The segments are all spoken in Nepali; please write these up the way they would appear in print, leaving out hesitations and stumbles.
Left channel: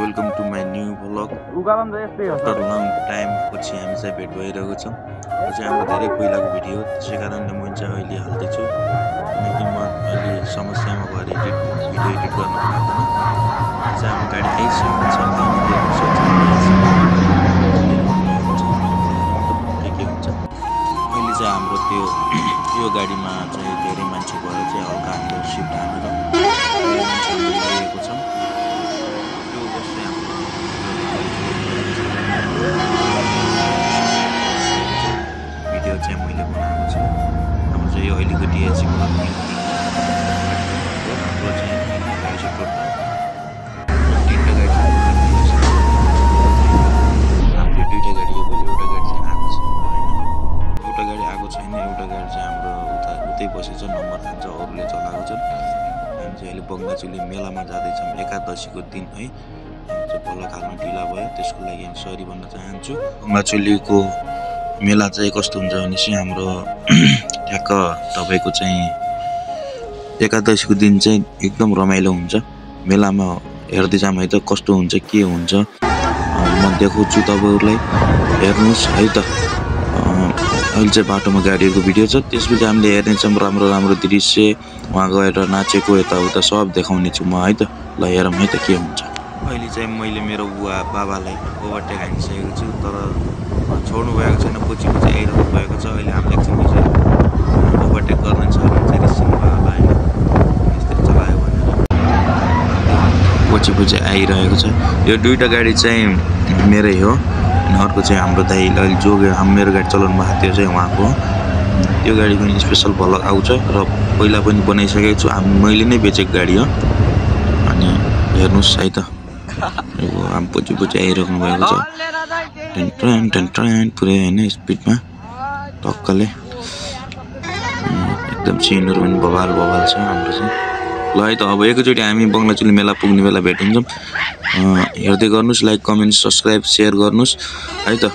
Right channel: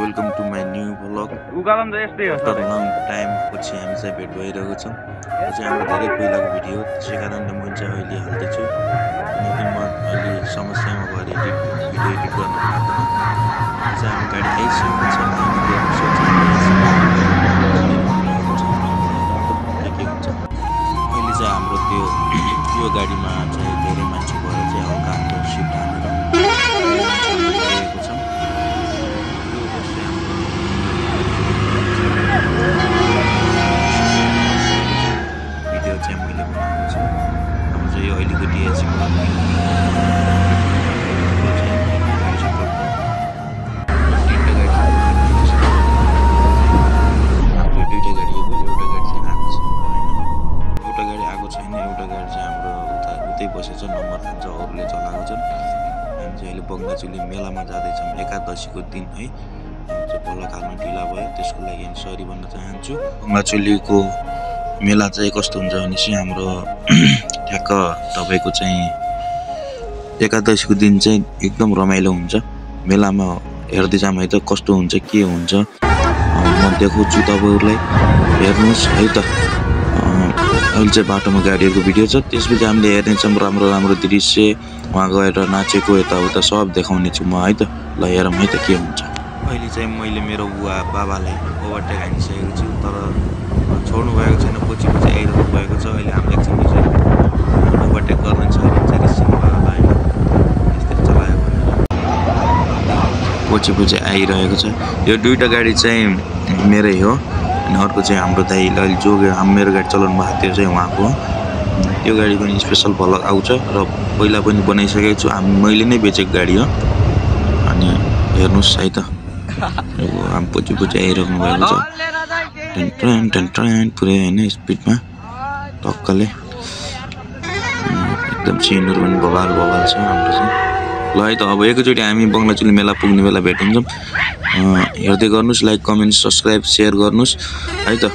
Welcome to my new vlog. After long time पछि हामी चाहिँ भेट भइरहेको छौँ। यो चाहिँ हाम्रो धेरै पहिलाको भिडियो हो, त्यसै कारणले म चाहिँ अहिले हाल्दैछु किनकि म अहिले समस्यामा भएर भिडियो एडिट गर्न पार्दैन। यो चाहिँ हाम्रो गाडी आइसकेको छ, त्यहाँनिर हेर्नुहोस् यो चाहिँ आइसक्यो। के हुन्छ अहिले चाहिँ हाम्रो त्यो यो गाडीमा चाहिँ धेरै मान्छे भएर चाहिँ हल्का हाम्रो सिफ्ट हानेर मान्छेहरू गइरहेको छौँ। त्यो बस चाहिँ हाम्रो भिडियो चाहिँ मैले बनाएको छु। हाम्रो चाहिँ यो अहिलेको डिएचसी ब्लक हाम्रो चाहिँ तिनवटा गाडी छ टोटल। तिनवटा गाडी हाम्रो दुईवटा गाडी हो, एउटा गाडी चाहिँ आएको छ, एउटा गाडी आएको छैन, एउटा गाडी चाहिँ हाम्रो उतै बसेछ, नम्बर खान्छ, अरूले चलाएको छन्। हामी चाहिँ अहिले बङ्गाचुली मेलामा जाँदैछौँ, एकादशीको दिन है। हामी चाहिँ भ्लग हाल्न ढिला भयो, त्यसको लागि हामी सरी भन्न चाहन्छु। बङ्गाचुलीको मेला चाहिँ कस्तो हुन्छ भनेपछि हाम्रो ठ्याक्क तपाईँको चाहिँ एकादशीको दिन चाहिँ एकदम रमाइलो हुन्छ। मेलामा हेर्दै जाम है त कस्तो हुन्छ के हुन्छ म देखाउँछु तपाईँहरूलाई, हेर्नुहोस् है त। अहिले चाहिँ बाटोमा गाडीहरूको भिडियो छ, त्यसपछि हामीले हेर्नेछौँ राम्रो राम्रो दृश्य, वहाँ गएर नाचेको यताउता सब देखाउने छु म है त। ल हेरौँ है त के हुन्छ। अहिले चाहिँ मैले मेरो बुवा बाबालाई ओभरटेक हानिसकेको छु, तर छोड्नु भएको छैन, पछि आइरहनु भएको छ। अहिले हामीले एकछिन चाहिँ ओभरटेक गर्ने छ भने चाहिँ रिसिनु भयो होला होइन, यस्तरी चलायो भनेर पछि आइरहेको छ। यो दुईवटा गाडी चाहिँ मेरै हो अनि अर्को चाहिँ हाम्रो दाइले अहिले जो मेरो गाडी चलाउनु भएको त्यो चाहिँ उहाँको हो। त्यो गाडीको नि स्पेसल भ्लग आउँछ र पहिला पनि बनाइसकेको छु, मैले नै बेचेको गाडी हो। अनि हेर्नुहोस् है त, हामी पछि आइराख्नु भएको छ ट्रेन पुरै होइन स्पिडमा टक्कले, एकदम सिनहरू पनि बवाल छ हाम्रो चाहिँ। ल है त, अब एकैचोटि हामी बङ्गाचुली मेला पुग्ने बेला भेट हुन्छौँ। हेर्दै गर्नुहोस्, लाइक कमेन्ट सब्सक्राइब सेयर गर्नुहोस् है त।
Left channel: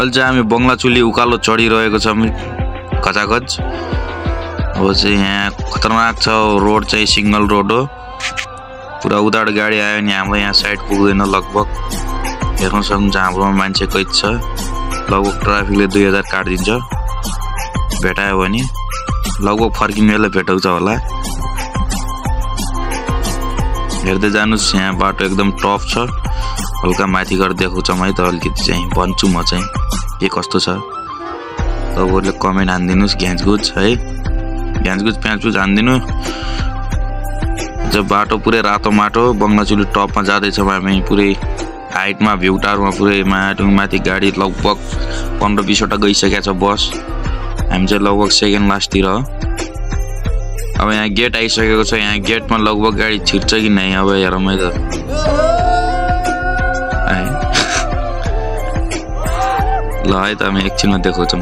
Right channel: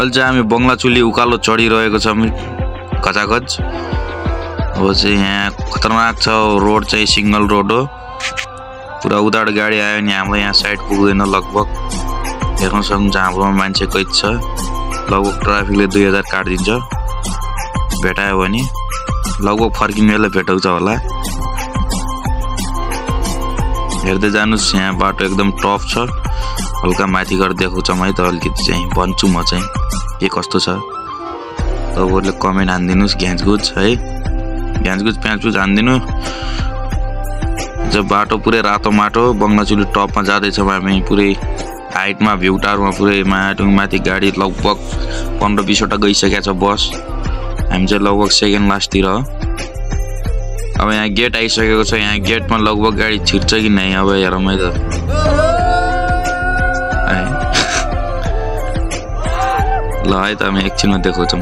अहिले चाहिँ हामी बङ्गलाचुली उकालो चढिरहेको छौँ खचाखच। अब चाहिँ यहाँ खतरनाक छ, रोड चाहिँ सिंगल रोड हो, पुरा उताबाट गाडी आयो भने हाम्रो यहाँ साइड पुग्दैन लगभग। हेर्न सक्नुहुन्छ हाम्रोमा मान्छे कैद छ, लगभग ट्राफिकले 2000 काटिदिन्छ भेटायो भने, लगभग फर्किने बेला भेटाउँछ होला। हेर्दै जानुस्, यहाँ बाटो एकदम टफ छ, हल्का माथि गरेर देखाउँछ है त, अलिकति चाहिँ भन्छु म चाहिँ के कस्तो छ। तपाईँहरूले कमेन्ट हानिदिनुहोस्, घ्याँचगुच है, घ्याँचगुच प्याचगुच हानिदिनु। जब बाटो पुरै रातो माटो, बङ्गलाचुली टपमा जाँदैछौँ हामी, पुरै हाइटमा भ्यू टावरमा पुरै माथि गाडी लगभग 15-20 वटा गइसकेको छ बस। हामी चाहिँ लगभग सेकेन्ड लास्टतिर हो। अब यहाँ गेट आइसकेको छ, यहाँ गेटमा लगभग गाडी छिर्छ कि नै अब हेरौँ है त। ल है त हामी एकछिनमा देखाउँछौँ।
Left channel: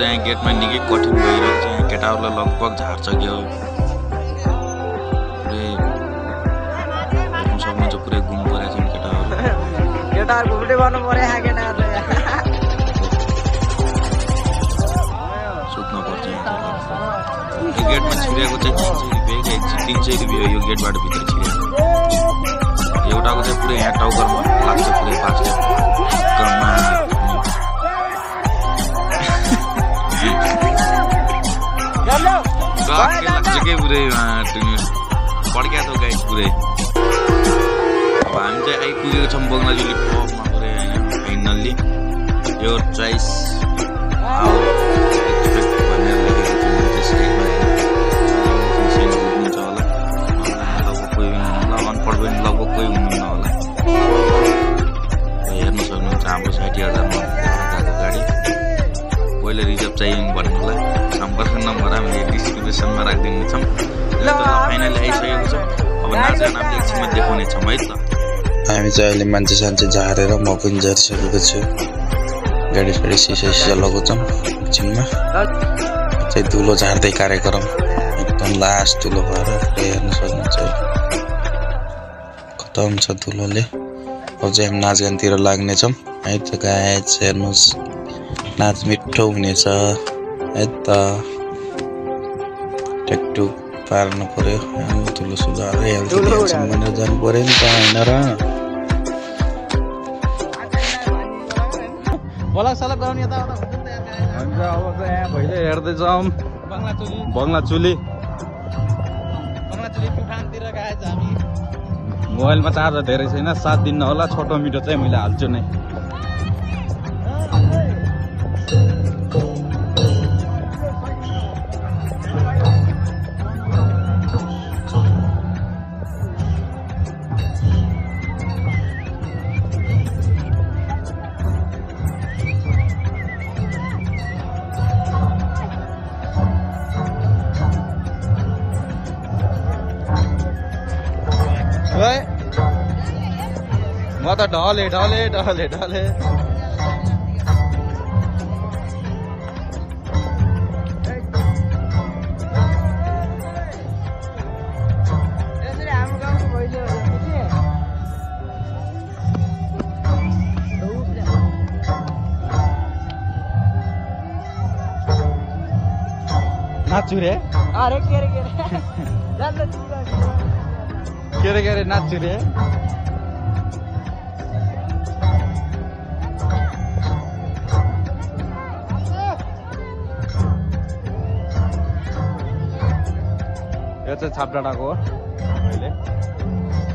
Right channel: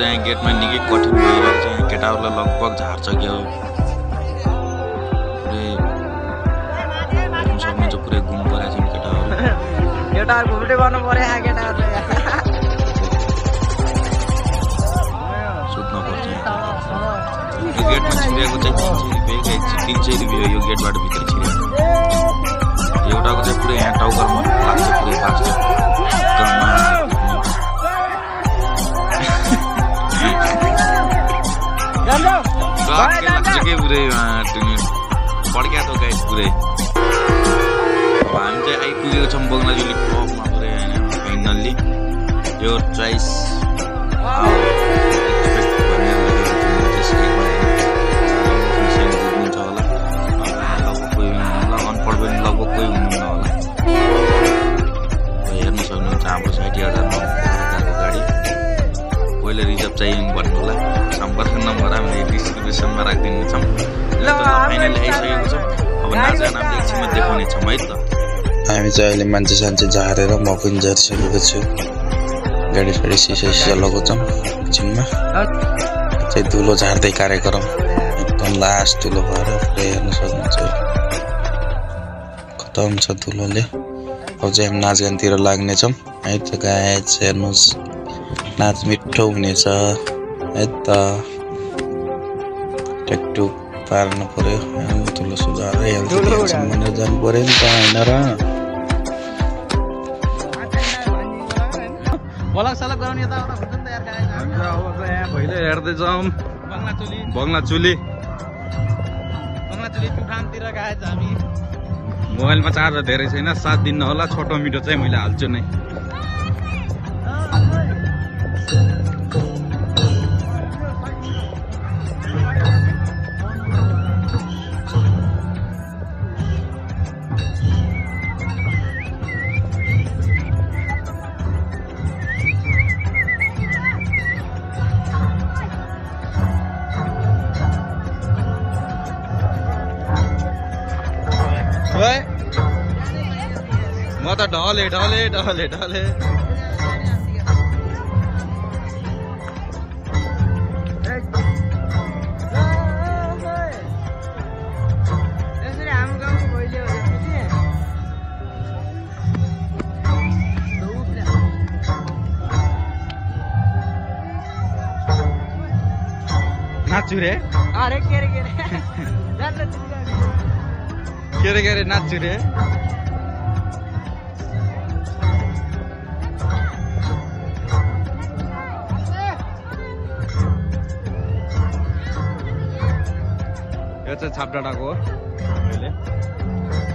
यहाँ गेटमा निकै कठिन भइरहेको छ। यहाँ केटाहरूलाई लगभग झार्छ के हो पुरै हेर्नु सक्नुहुन्छ। पुरै घुम परेको छन् केटाहरू। सुत्न पर्छ यहाँ चाहिँ लगभग। यो गेटमा छिरेको चाहिँ 300 रुपियाँ यो गेटबाट भित्र छिरेको। एउटाको चाहिँ पुरै यहाँ टाउकरमा लाग्छ पुरै फास्टै कमा लाग्छ के पुरै पड्क्या त गाइस पुरै। अब हामी चाहिँ आइपुगेको छौँ बङ्गलाजुली टपमा पुरै होइन फाइनल्ली। यो चोइस आवर एक्सपेक्ट भनेर लेखेको छु मैले चाहिँ साइडमा होइन। इङ्ग्लिसमा सेन्ड बुझ्नुहुन्छ होला, लगभग कोही हुनुहुन्न, अनपढ पनि लगभग कोही हुनुहुन्न होला। हेर्नु सक्नुहुन्छ हाम्रो 60,000मा गएको गाडी। पहिला रिजर्भ चाहियो भन्नु होला। सम्पर्क नम्बर हामीले डिस्क्रिप्सनमा राखिदिने छौँ। फाइनली आइसकेको छौँ। अब नाचगान हामीले एकछिनमा देखाउने छौँ है त। हामी चाहिँ अहिले मान्छे सान्छे झारेर म पनि झरिसकेको छु। गाडी साडी सिसा लगाउँछौँ एकछिनमा। चाहिँ धुलो झार्दै कार्यक्रम एकदम लास्ट धुलो भएर पुरै हेर्नु सक्नुहुन्छ। खतम छ धुलोले। अब चाहिँ हामी नाचगानतिर लाग्नेछौँ है त गाइस। हेर्नुहोस् नाच मिठो हुनेछ है त। टेकटुक पार्नु पर्यो। धुलो सुधार हेल्छ भनेर जानु पर्यो नि त होइन र। पहिले हेर्दैछौँ बङ्गलाचुली मोबाइलमा चार्जर धेरै छैन। 7 दिन होला। छोटो मिठो चाहिँ मैले हाल्छु नै। म त ढले ढले ढले ढले नाच्छु रे। के रे नाच्छु रे। यो चाहिँ छापडाँडाको हो। अहिले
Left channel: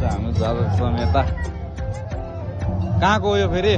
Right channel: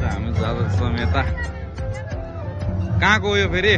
हामी जाँदैछौँ यता। कहाँको हो यो फेरि?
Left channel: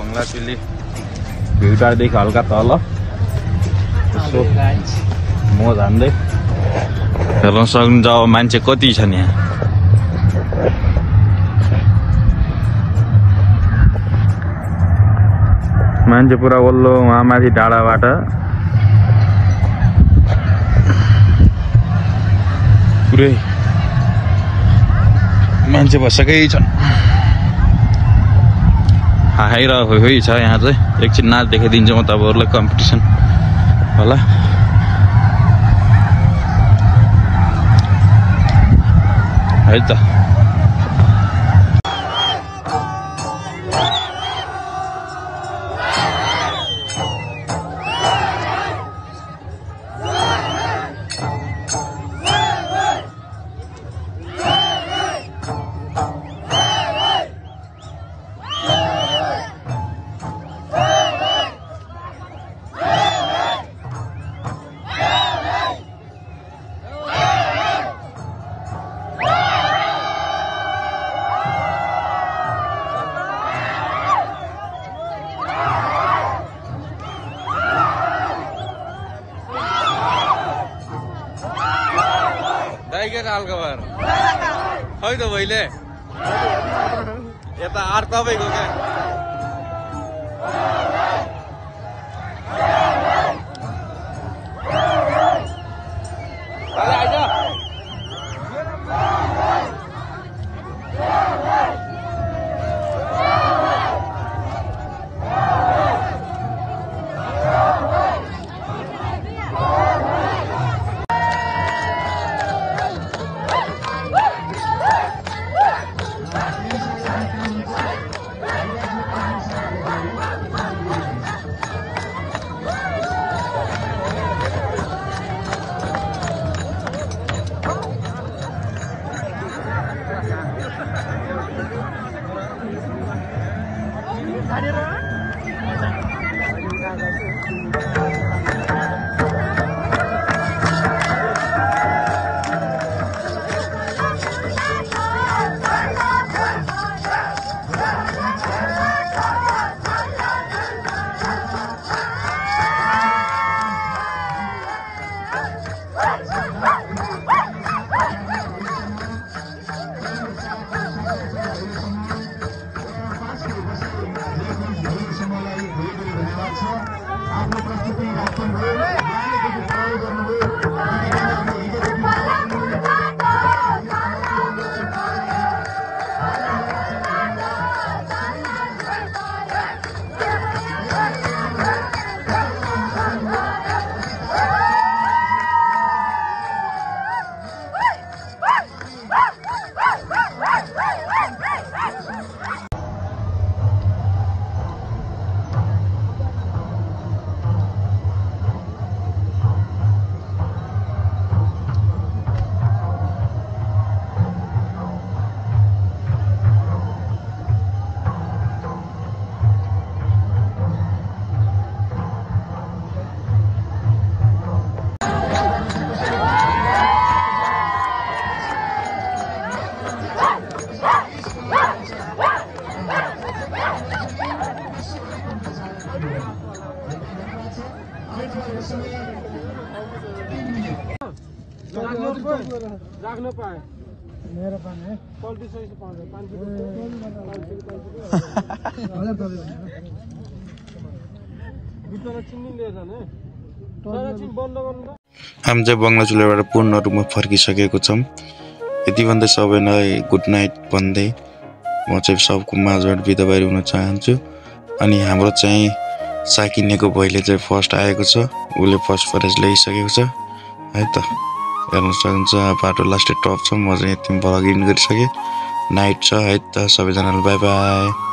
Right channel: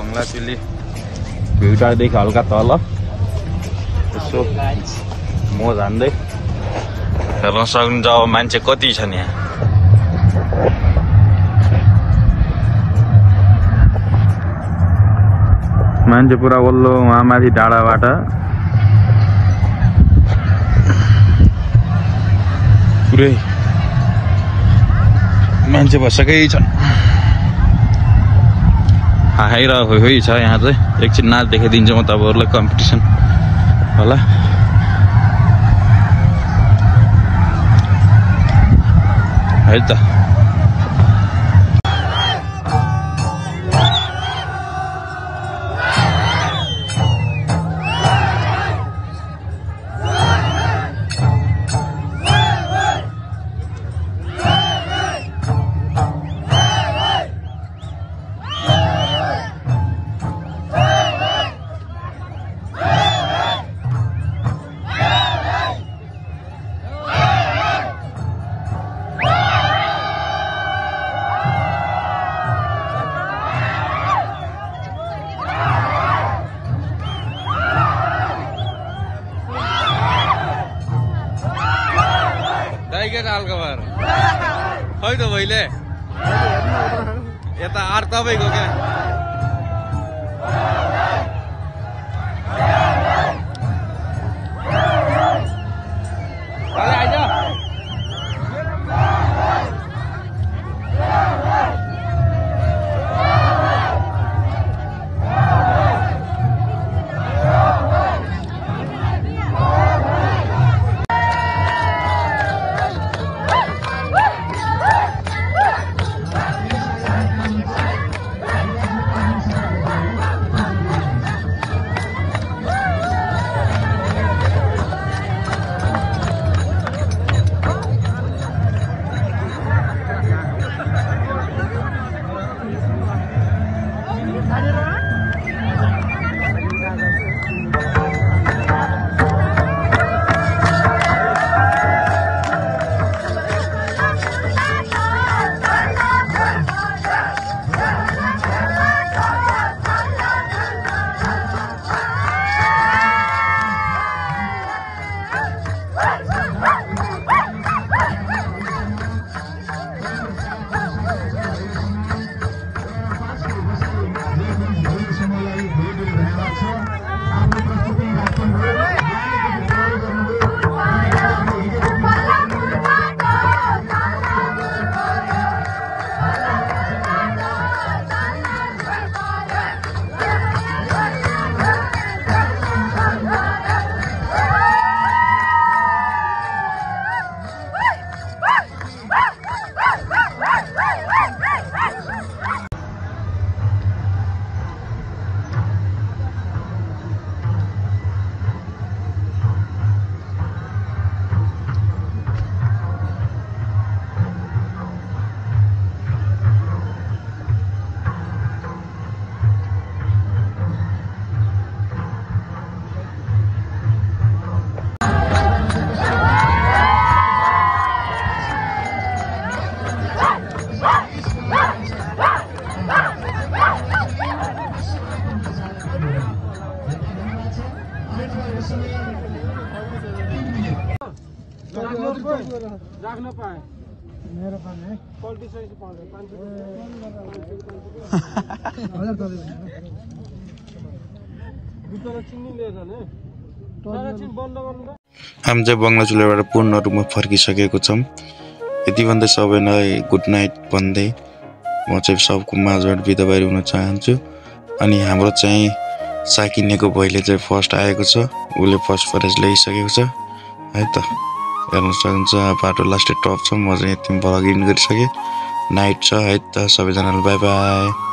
बङ्गलाचुली भिउटादेखि हल्का तल यसो म जान्दै हेर्न सक्नुहुन्छ। अब मान्छे कति छन् यहाँ। मान्छे पुरा वल्लो वहाँ माथि डाँडाबाट पुरै मान्छे बसेकै छ खाइरहेको खोइ छ यहाँ चाहिँ एकछिन नाच देखाइदिन्छु म तपाईँहरूलाई कम्पिटिसन होला है त के हाल खबर खै त भइले यता आर तपाईँको क्या राख्न पाए मेरो पनि है हामी चाहिँ बङ्गलाचुलेबाट पूर्ण रूपमा फर्किसकेको छौँ। यति भन्दै सबैलाई गुड नाइट भन्दै म चाहिँ सबको माझबाट बिदा बाहिर हुन चाहन्छु। अनि हाम्रो चाहिँ साकिनेको भाइले चाहिँ फर्स्ट आएको छ, उसले फर्स्ट प्राइज ल्याइसकेको छ है त। हेर्न सक्नुहुन्छ बाटो लास्टै टप छ। म चाहिँ यति भ्लग इन गरिसकेँ। नाइट छ है त। सबैजनालाई बाई बाई।